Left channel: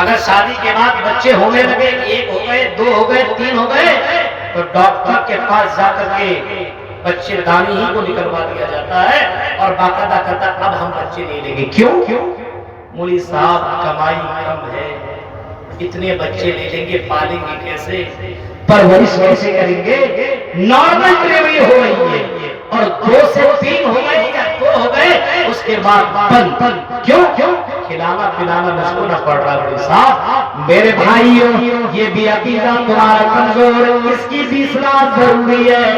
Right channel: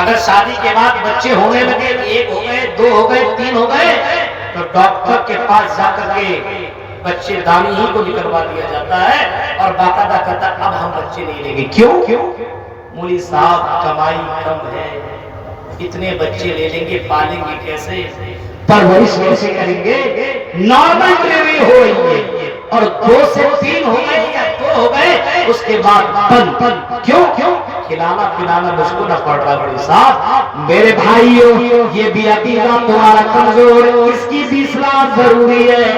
اگر شادی کے بعد بچے ہونے لگے، 1 ہو گئے، 2 ہو گئے، 3 ہو گئے، تو ڈاکٹر کے پاس جا کر کے بچے دانی ہی کو نکلوا دیا جاتا ہے اور باقاعدہ کہتا اب ہم بچے نہیں لیں گے۔ کیوں؟ مولوی صاحب کمائی کم ہے، اتنے بچے لے لیں گے، پالیں گے کیسے، پرورش کیسے کریں گے؟ نارمل ڈلیوری ہو رہی ہے اور 2 سے 3 ہو گئے یا 2 ہو گئے، اس کے بعد بند۔ کیوں؟ کھلانا پلانا مجھ کو نہ پڑ رہا۔ مولوی صاحب میرے بھائیوں، یہ بھی عقیدہ تمہارا کمزور، اس کی بھی اصلاح ضروری ہے۔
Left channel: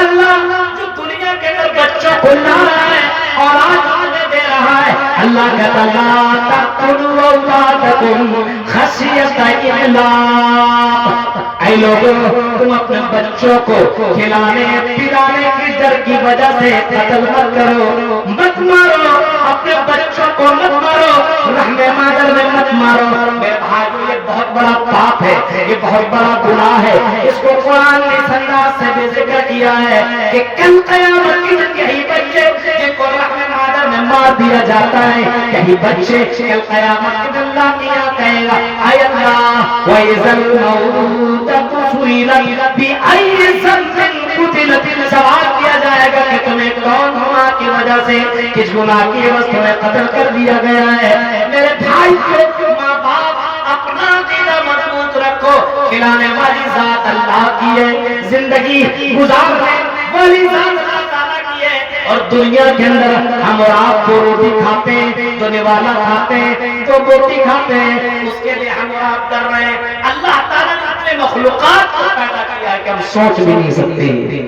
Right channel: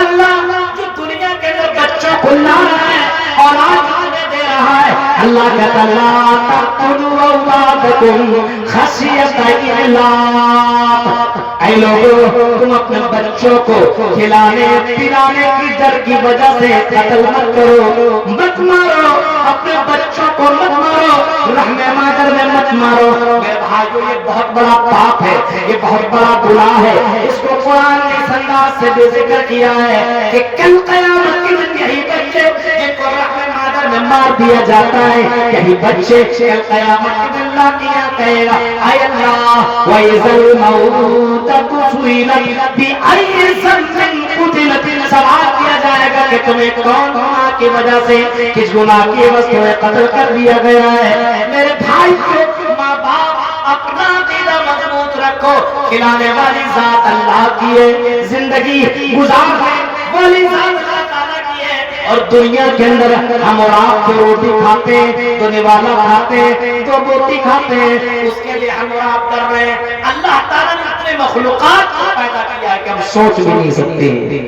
اللہ جو دنیا کے اندر بچوں کو لا رہا ہے، اولاد ہمیں دے رہا ہے، اللہ کہتا لا تقتلوا اولادکم خشیۃ املاق۔ اے لوگوں، تم اپنے بچوں کو کھلانے پلانے کی ڈر کی وجہ سے قتل مت کرو، مت مارو، اپنے بچوں کو مت مارو، رحم مادر میں مت مارو۔ میرے بھائیو، یہ بہت بڑا پاپ ہے، یہ بہت بڑا گناہ ہے۔ اس کو قرآن نے اس انداز سے بھی ذکر کیا ہے کہ کل قیامت کے دن یہی بچے جن کو رحم مادر میں مار دیا جاتا ہے، یہی بچے کل قیامت کے دن اللہ کیا کہے گا اے اللہ وَإِذَا الْمَوْءُودَةُ سُئِلَتْ بِأَيِّ ذَنبٍ قُتِلَتْ، سوال کیا جائے گا کہ تمہیں کون گناہ کی وجہ سے، کس گناہ کی وجہ سے قتل کر دیا گیا ہے۔ میرے بھائی کو ماں باپ اپنا عقیدہ مضبوط رکھو، کھلانے والی ذات اللہ کی ہے، زندگی گزارنے والی ذات اللہ تعالیٰ کی ہے۔ اور دنیا کے اندر ہم اور آپ دو روٹی کھاتے ہیں، دو نوالا کھاتے ہیں، دو بوٹی کھاتے ہیں، اس کے لیے ہم اور آپ ڈر رہے ہیں۔ اللہ تعالیٰ نے اپنے مخلوقات کو پیدا کیا ہے کہ ہم سوچ بھی نہیں سکتے۔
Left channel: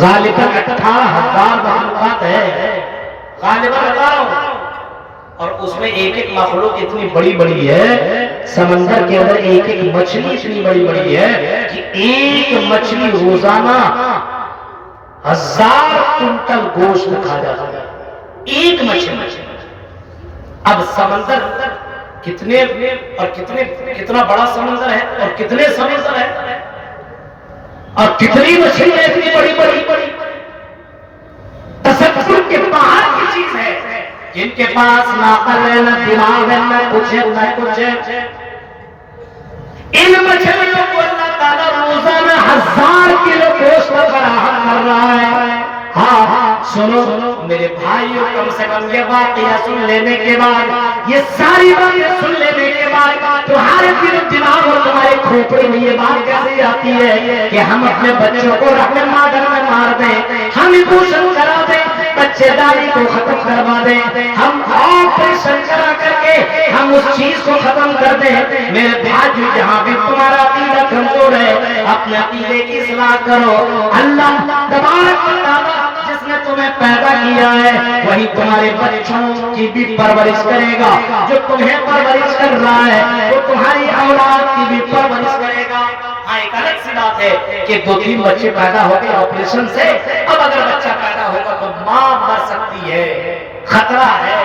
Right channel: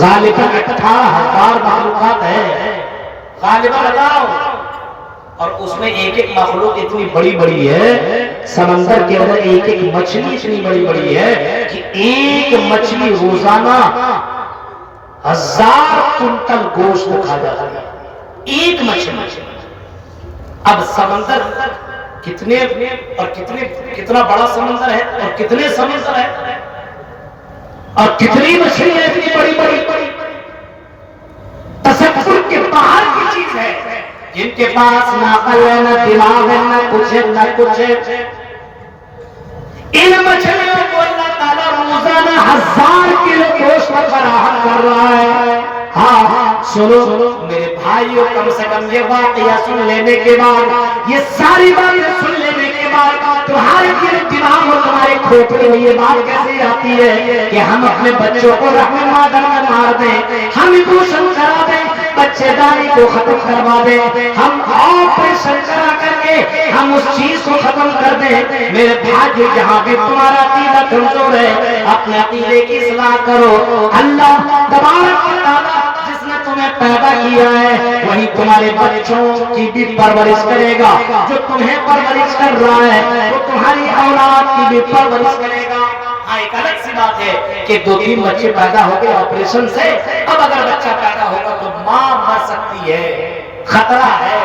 غالباً 18,000 مخلوقات ہے، غالباً بتاؤ، اور اس میں ایک ایک مخلوق اتنی بڑی بڑی ہے، سمندر کے اندر ایک ایک مچھلی اتنی بڑی بڑی ہے کہ ایک مچھلی روزانہ 1000 کنٹل گوشت کھا جاتا ہے، ایک مچھلی۔ اب سمندر کتنے اور کتنا بڑا سمندر ہے اور کتنے سمندر ہے اور کتنی مچھلی ہے اتنی بڑی بڑی، تصور کے باہر کی چیز ہے۔ جن کے پاس نہ عقل ہے، نہ دماغ ہے، نہ کچھ ہے، نہ کچھ ہے، ان مچھلیوں کو اللہ تعالیٰ روزانہ 1000 کلو گوشت فراہم کر رہا ہے۔ ہاں سنو میرے بھائیوں، کم سے کم یہ واقعہ سن لینے کے بعد، یہ ساری باتیں سن لینے کے بعد تمہارے دل و دماغ اور تمہارے کھوپڑے میں یہ بات کیسے آتی ہے کہ ہم اپنے بچوں کو رحم مادر میں مار دیں، ہم ایبوشن کرا دیں، بچے داری کو ختم کروا دیں، ہم آپریشن کرا کر کے ہم اس چیز کو ختم کر دیں۔ میرے بھائی، جہاں بھی تمہارا عقیدہ کمزور ہے، اپنے عقیدے کی اصلاح کرو۔ اللہ تبارک و تعالیٰ جس نے تمہیں پیدا کیا ہے وہی تمہارے بچوں کی بھی پرورش کرے گا، جو تمہیں پرورش کر رہا ہے وہ تمہاری اولاد کی بھی پرورش کرے گا۔ ہاں، ایک الگ سی بات ہے کہ 2-3 بچے پیدا ہو گئے آپریشن سے، اب اگر بچہ پیدا ہوگا تو ماں مر سکتی ہے، خطرہ ہے،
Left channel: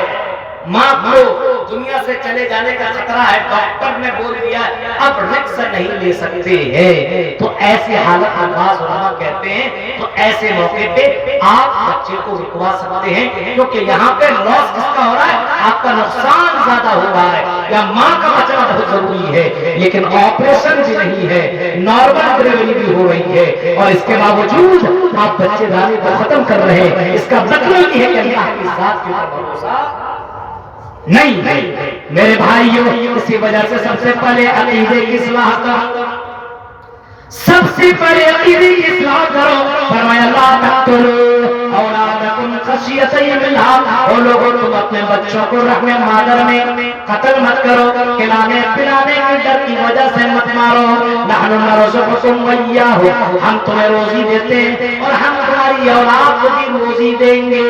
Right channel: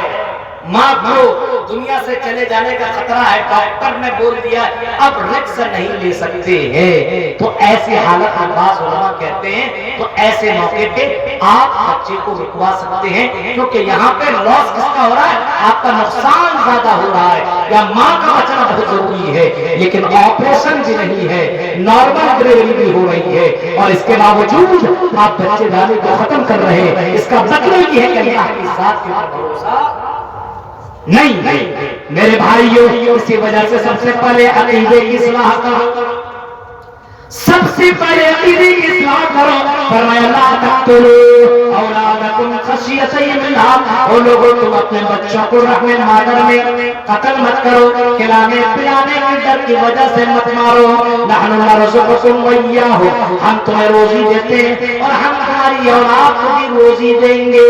ماں کو دنیا سے چلے جانے کا خطرہ ہے، ڈاکٹر نے بول دیا اب رسک نہیں لے سکتے ہیں، تو ایسی حالت میں بعض علماء کہتے ہیں تو ایسے موقع پہ آپ بچے کو رکوا سکتے ہیں، کیونکہ یہاں پہ لاس کس کا ہو رہا ہے، آپ کا نقصان زیادہ ہو رہا ہے، یا ماں کا بچنا بہت ضروری ہے، لیکن آپریشن بھی نہیں ہے، نارمل ڈلیوری بھی ہو رہی ہے، اور اس کے باوجود آپ بچے دانی کو ختم کر رہے ہیں۔ اس کا مطلب یہ ہے کہ اللہ کی ذات کے اوپر بھروسہ نہیں ہے۔ میرے بھائیوں، اسی وجہ سے سب سے پہلے عقیدے کی اصلاح کرو، سب سے پہلے عقیدے کی اصلاح کرو۔ فرمایا لا تقتلوا اولادکم خشیۃ املاق، او لوگوں تم اپنے بچوں کو رحم مادر میں قتل مت کرو، کھلانے پلانے کی ڈر کی وجہ سے مت مارو۔ نحن نرزقکم وإیاہ، ہم تمہیں روزی دیتے ہیں اور ہم تمہاری اولاد کو بھی روزی دیں گے۔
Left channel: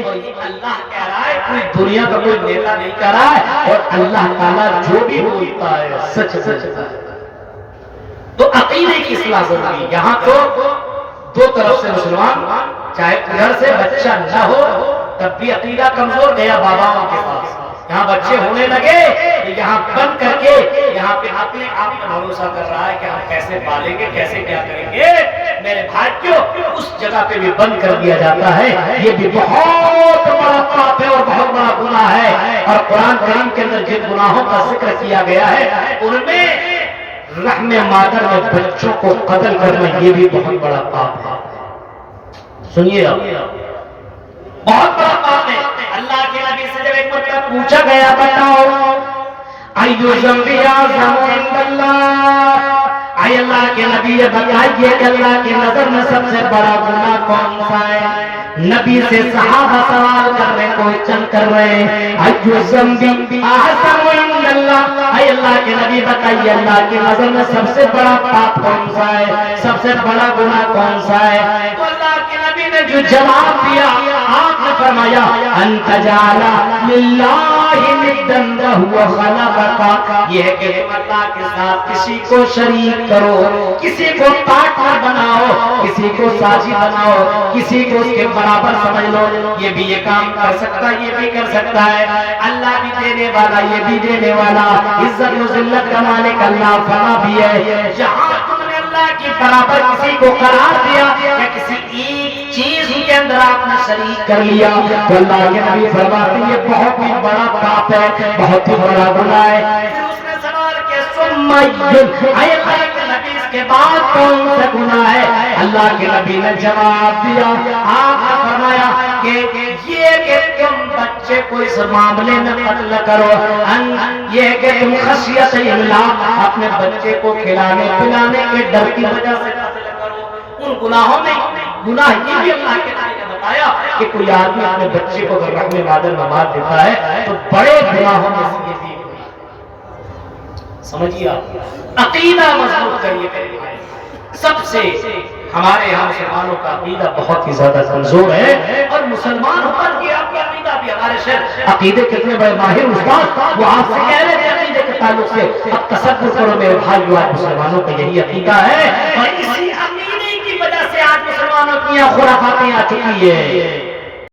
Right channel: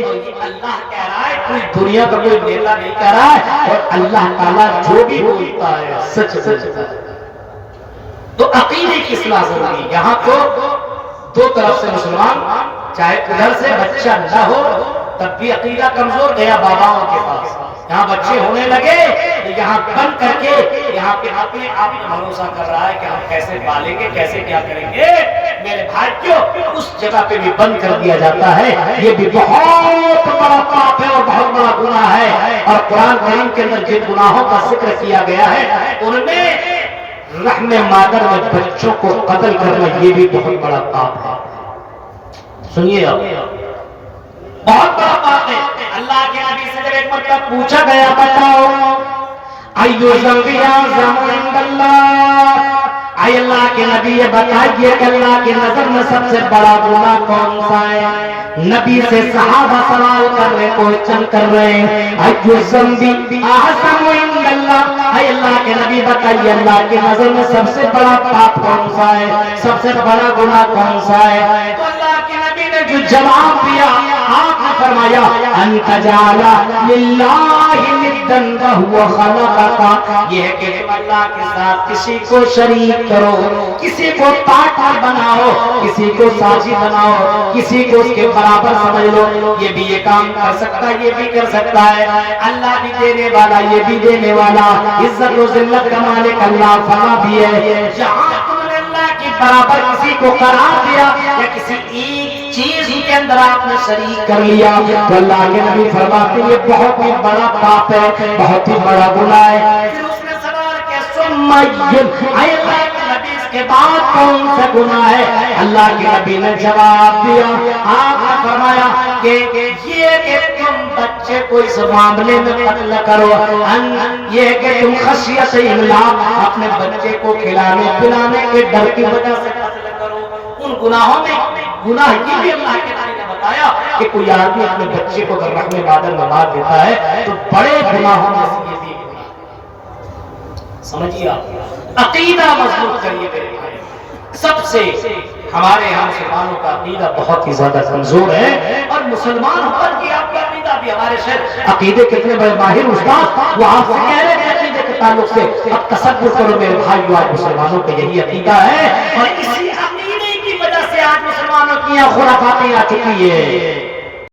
اور یہ اللہ کہہ رہا ہے، کوئی دنیا کا کوئی نیتا نہیں کہہ رہا ہے، اور اللہ تعالیٰ جو بھی بولتا ہے سچ سچتا ہے۔ تو عقیدے کی اصلاح ضروری ہے۔ یہاں تو دو طرف سے مسلمان، چاہے ادھر سے بچہ نہ ہو تب بھی عقیدہ کمزور، گیا باباؤں کے پاس، یہاں بچے ہونے لگے یہاں بند کر کے یہاں پہ اپنے آپ میں بھروسہ کر رہا ہے کہ ہم کیسے پالیں گے، کیسے کیا کریں گے، میرے بھائیوں اس جگہ پہ بھی بند کر دیا جاتا ہے. یہ بھی بہت بڑا پاپ ہے اور بہت بڑا گناہ ہے. اور قرآن کریم کے اندر جن گناہوں کا ذکر کیا گیا ہے ان میں رحم مادر میں بچوں کو قتل کرنا یہ بھی بہت بڑا پاپ ہے. سنیے آپ، بہت بڑا پاپ ہے. اللہ کے نبی سے جب ایک مرتبہ پوچھا گیا بتاؤ ایو ذنب اعظم عند اللہ، اے اللہ کے نبی یہ بتائیے کہ اللہ کی نظر میں سب سے بڑا گناہ کون سا ہے؟ نبی سے صحابہ سوال کر رہے، کوئسچن کر رہے ہیں ایو ذنب اعظم عند اللہ، اے اللہ کے نبی بتائیے اللہ کی نظر میں سب سے بڑا پاپ کون سا ہے، سب سے بڑا گناہ کون سا ہے؟ تو اللہ کے نبی نے جو جواب دیا آپ نے فرمایا ان تجعل للہ ندا وهو خلقک، یہ ہے کہ تم اللہ کے ساتھ کسی کو شریک کرو، کسی کو پارٹنر بناؤ، کسی کو ساجی بناؤ، کسی کو اس کے برابر سمجھ لو. یہ بھی یہ کام کر سکتا ہے، یہ بھی کر سکتا ہے. اللہ بھی دینے والا، یہ بھی دینے والا، عزت و ذلت کا مالک اللہ فنا بھی ہے. جہاں تم نے اللہ کی برابر کسی کو قرار دیا یا کسی ایک چیز کے اندر آپ نے شریک کر لیا تو اللہ کے نبی فرماتے ہیں یہ بہت ہی بڑا پاپ ہے، بہت ہی بڑا گناہ ہے. پھر اس نے سوال کیا ثم اے اللہ کے نبی اس کے بعد کون سا گناہ ہے؟ اللہ کے نبی نے جواب دیا، آپ نے فرمایا کہ یہ کہ تم بچے کو اس معاملے میں قتل کرو، یہ کہ تم خشیت املاق اپنے بچے کو کھلانے پلانے کے ڈر کی وجہ سے قتل کرو. ان گناہوں میں گناہ یہ بھی اللہ کے نبی نے بتایا کہ کوئی آدمی اپنے بچے کو اگر رحم مادر میں مار دیتا ہے تو بڑے گناہوں میں سے یہ بھی گناہ. سمجھیے آپ، عقیدہ مضبوط کریے میرے بھائی. سب سے ہمارے یہاں مسلمانوں کا عقیدہ بہت ہی زیادہ کمزور ہے اور مسلمان ہو کر کے آپ کا عقیدہ بھی ہمارے شہر عقیدے کتنے بڑے ماہر استاد وہ آپ سے کہہ رہے تھے عقیدے کے تعلق سے. اب تصور کرو میرے بھائی آپ مسلمانوں کا یہی عقیدہ ہے اور اسی عقیدے کی وجہ سے آج مسلمانوں کی یہاں خرافاتیں آ چکی ہے.